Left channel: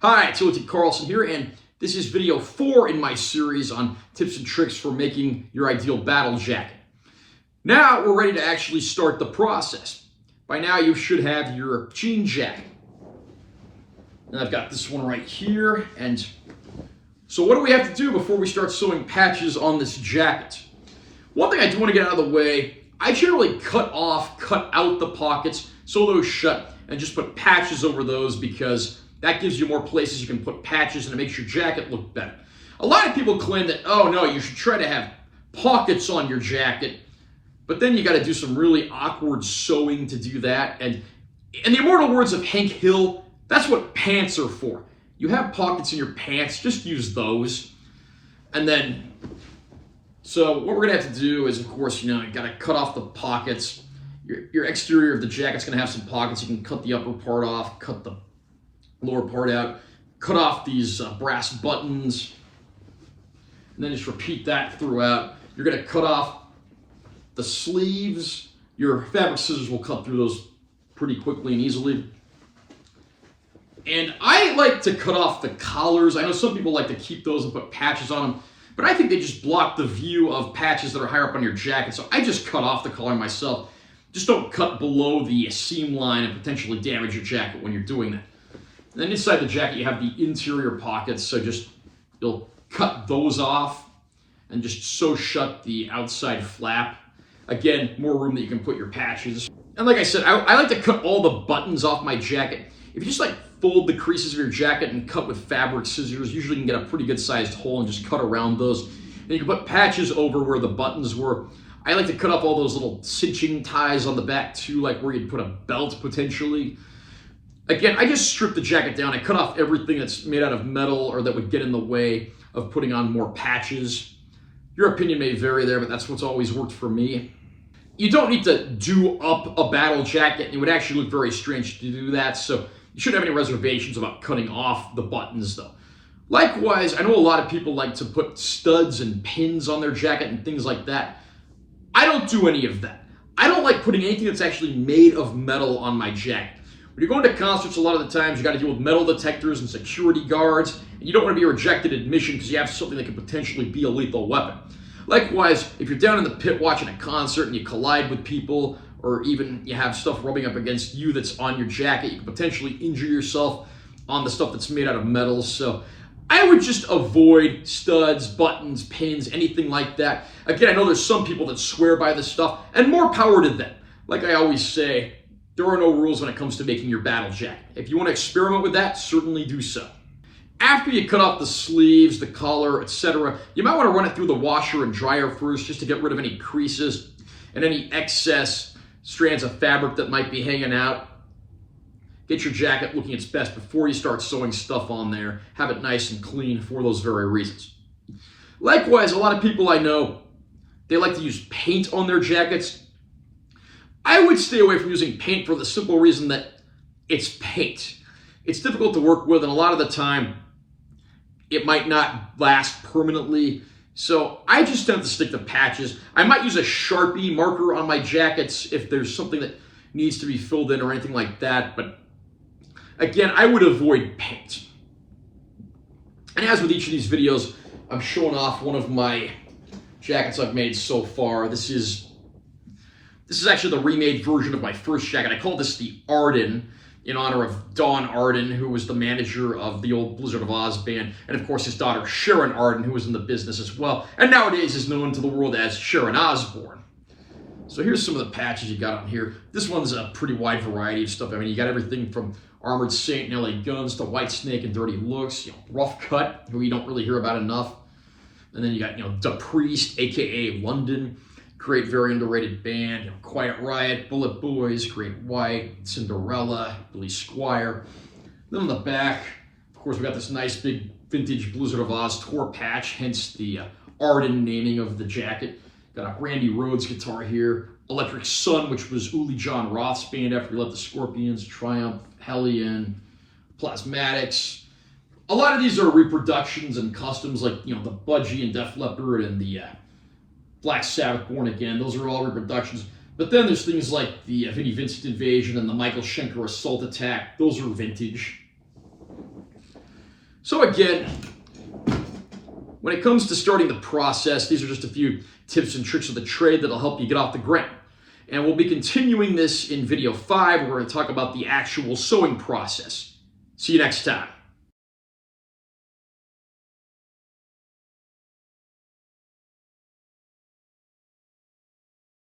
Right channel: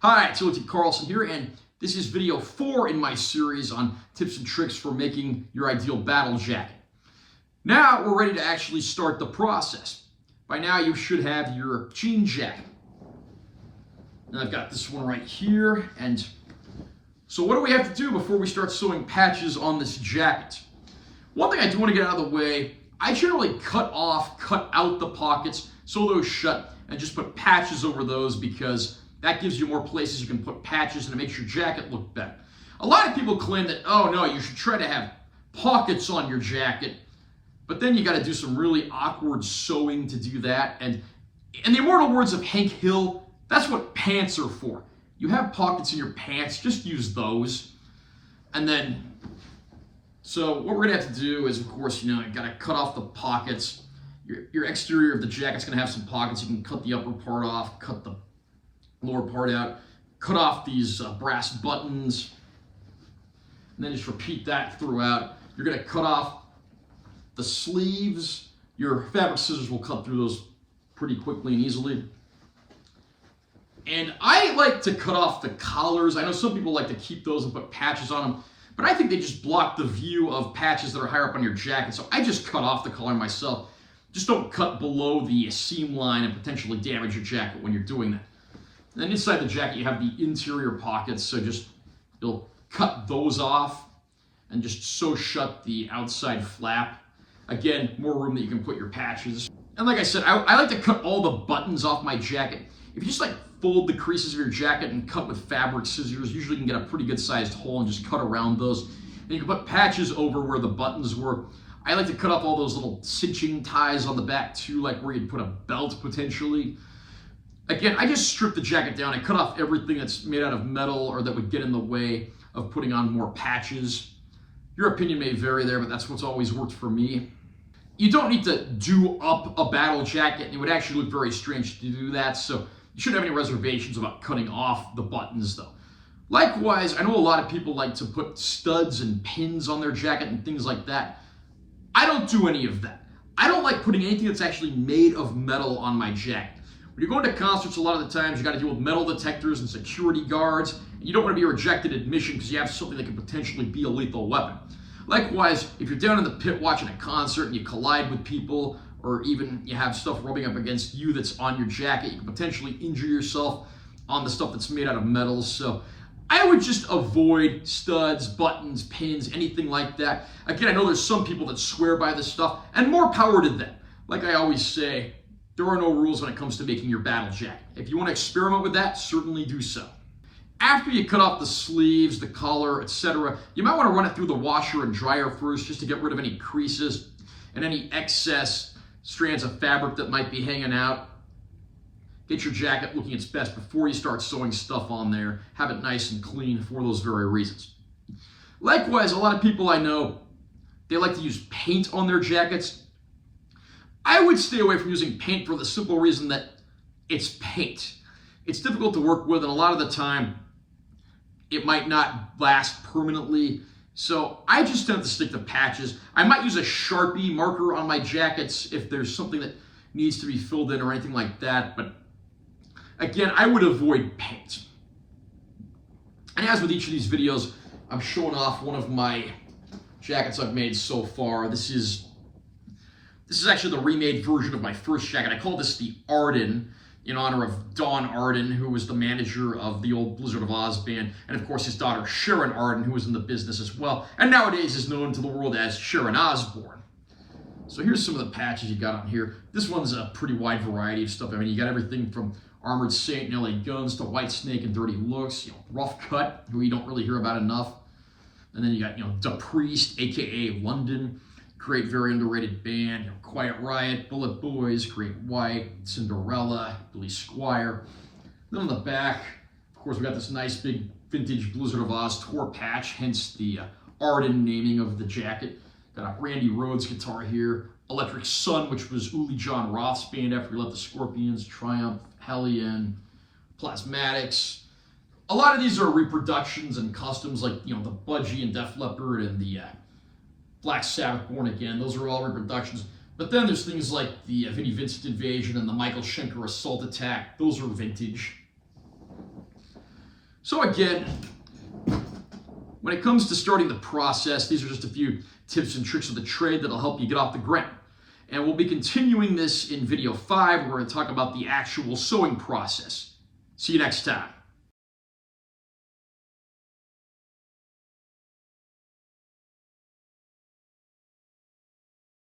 Hi, it's Timothy Carlson here, and this is video 4 in my series on tips and tricks for making your ideal battle jacket. Now we're ready to actually start the process. By now you should have your jean jacket. And I've got this one right here, and so what do we have to do before we start sewing patches on this jacket? One thing I do want to get out of the way, I generally cut out the pockets, sew those shut, and just put patches over those because that gives you more places you can put patches and it makes your jacket look better. A lot of people claim that, oh no, you should try to have pockets on your jacket, but then you got to do some really awkward sewing to do that. And in the immortal words of Hank Hill, that's what pants are for. You have pockets in your pants, just use those. And then, so what we're gonna have to do is, of course, you gotta cut off the pockets. Your exterior of the jacket's gonna have some pockets. You can cut the upper part off, cut the lower part out, cut off these brass buttons, and then just repeat that throughout. You're gonna cut off the sleeves. Your fabric scissors will cut through those pretty quickly and easily. And I like to cut off the collars. I know some people like to keep those and put patches on them, but I think they just block the view of patches that are higher up on your jacket, so I just cut off the collar myself. Just don't cut below the seam line and potentially damage your jacket when you're doing that. And then inside the jacket you have the interior pockets, so you'll cut those off and just sew shut the outside flap. Again, more room that you can put your patches. And like I said, I like to cut all the buttons off my jacket. If you just fold the creases of your jacket and cut with fabric scissors, usually you can get a pretty good sized hole and just cut around those. And you can put patches over where the buttons were. I like to cut off all those little cinching ties on the back too, like where you'd put a belt potentially. Again, I just strip the jacket down. I cut off everything that's made out of metal or that would get in the way of putting on more patches. Your opinion may vary there, but that's what's always worked for me. You don't need to do up a battle jacket. It would actually look very strange to do that, so you shouldn't have any reservations about cutting off the buttons though. Likewise, I know a lot of people like to put studs and pins on their jacket and things like that. I don't do any of that. I don't like putting anything that's actually made of metal on my jacket. When you're going to concerts, a lot of the times you got to deal with metal detectors and security guards, and you don't want to be rejected admission because you have something that could potentially be a lethal weapon. Likewise, if you're down in the pit watching a concert and you collide with people, or even you have stuff rubbing up against you that's on your jacket, you can potentially injure yourself on the stuff that's made out of metal. So I would just avoid studs, buttons, pins, anything like that. Again, I know there's some people that swear by this stuff, and more power to them. Like I always say, there are no rules when it comes to making your battle jacket. If you want to experiment with that, certainly do so. After you cut off the sleeves, the collar, etc., you might want to run it through the washer and dryer first just to get rid of any creases and any excess strands of fabric that might be hanging out. Get your jacket looking its best before you start sewing stuff on there. Have it nice and clean for those very reasons. Likewise, a lot of people I know, they like to use paint on their jackets. I would stay away from using paint for the simple reason that it's paint. It's difficult to work with, and a lot of the time, it might not last permanently. So I just tend to stick to patches. I might use a Sharpie marker on my jackets if there's something that needs to be filled in or anything like that. But again, I would avoid paint. And as with each of these videos, I'm showing off one of my jackets I've made so far. This is actually the remade version of my first jacket. I call this the Arden, in honor of Don Arden, who was the manager of the old Blizzard of Oz band, and of course his daughter Sharon Arden, who was in the business as well, and nowadays is known to the world as Sharon Osbourne. So here's some of the patches you got on here. This one's a pretty wide variety of stuff. I mean, you got everything from Armored Saint and LA Guns to White Snake and Dirty Looks, Rough Cut, who you don't really hear about enough. And then you got, Da Priest, aka London, great, very underrated band. Quiet Riot, Bullet Boys, Great White, Cinderella, Billy Squire. Then on the back, of course, we got this nice big vintage Blizzard of Oz tour patch, hence the Arden naming of the jacket. Got a Randy Rhoads guitar here. Electric Sun, which was Uli John Roth's band after he left the Scorpions. Triumph, Hellion, Plasmatics. A lot of these are reproductions and customs, like the Budgie and Def Leppard and the Black Sabbath Born Again. Those are all reproductions. But then there's things like the Vinnie Vincent Invasion and the Michael Schenker Assault Attack. Those are vintage. So again, when it comes to starting the process, these are just a few tips and tricks of the trade that'll help you get off the ground. And we'll be continuing this in video 5. We're going to talk about the actual sewing process. See you next time.